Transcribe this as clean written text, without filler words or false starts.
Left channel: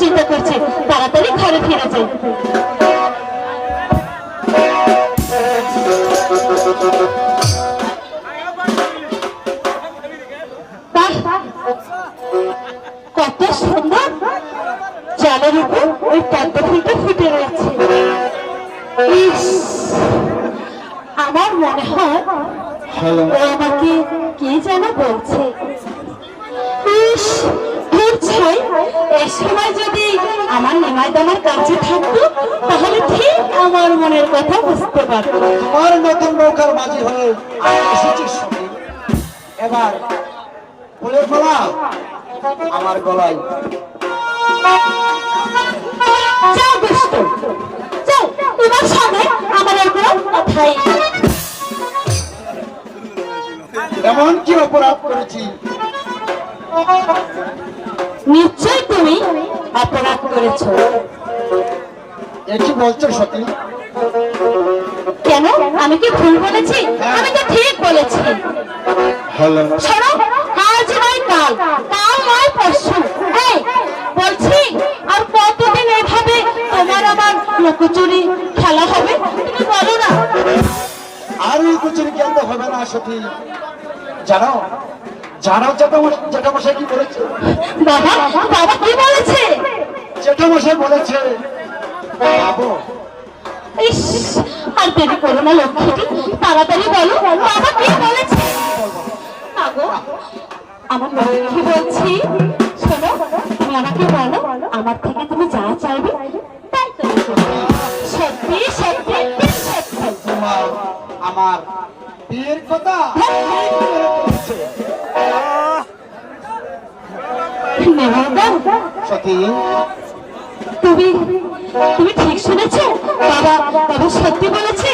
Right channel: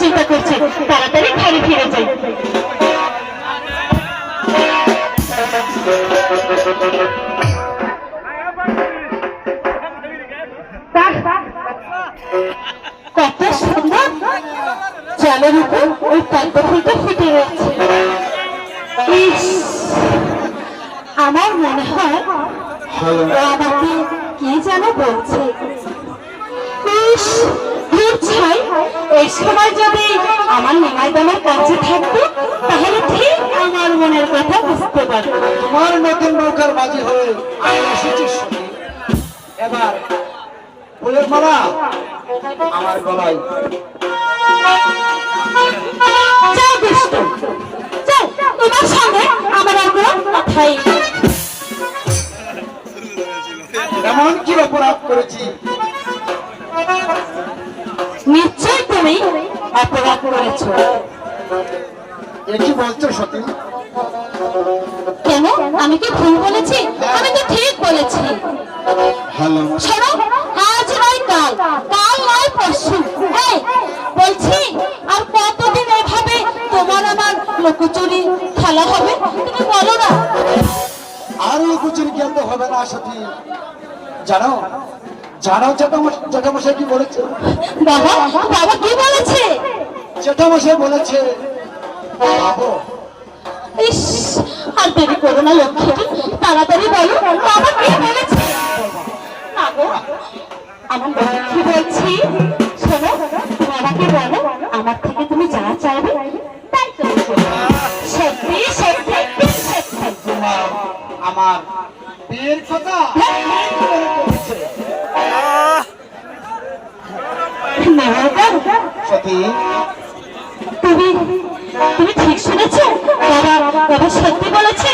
চিন্তা করছে তাড়াতাড়ি ঘরে ফিরে যাই। কত সুন্দর জলের উপর ওই পদ্ম ফুলটা ফুটে রয়েছে। আমার মনে হয় আমাকে কে যেন বলছে, এই সময় যদি আমার নেমাই দামার কাছে থাকতো তাহলে ঠিক আমার মনের কথা বুঝতে পারতো। তোমার নতুন নৌকার বাজি হয়ে এসেছিস এবার ফুলের মালা আমার গলায়। যাও দুষ্ট, যাও তোমার সঙ্গে আমার আর কোনো কথাই। এমন কি অপরাধ করেছি? নিশ্চয় তুমি অপরাধ করেছ। এটি বলছো সতী? কেন, আমি কি ভুল বলেছি? আমি তো ঠিক বলেছি। শোনো, আজ নয় কাল, কাল নয় পরশু, বলছি আর কতদিন এভাবে তোমার আমার লুকোচুরি খেলা হবে? তুমি বলো না। আর লুকোচুরি খেলতে হবে না সতী। জানো জানো জেঠামশাই কি বলেছে? বাবা, বাবা কি বলেছে? জেঠামশাই বলেছে, ইস, আর দেরি করো না লক্ষ্মীটি, তাড়াতাড়ি বলো বাবা কি বলেছে। আমার লক্ষ্মী বলছি, শোনো, বাবাকে বলো আমার থেকে তুমি যা চাইবে তাই তো। সত্যি সত্যি সত্যি আমার বিয়ের কথা সতী। তুমি তুমি ঠিক শুনেছো? বাবা বাবা সত্যি বলেছে।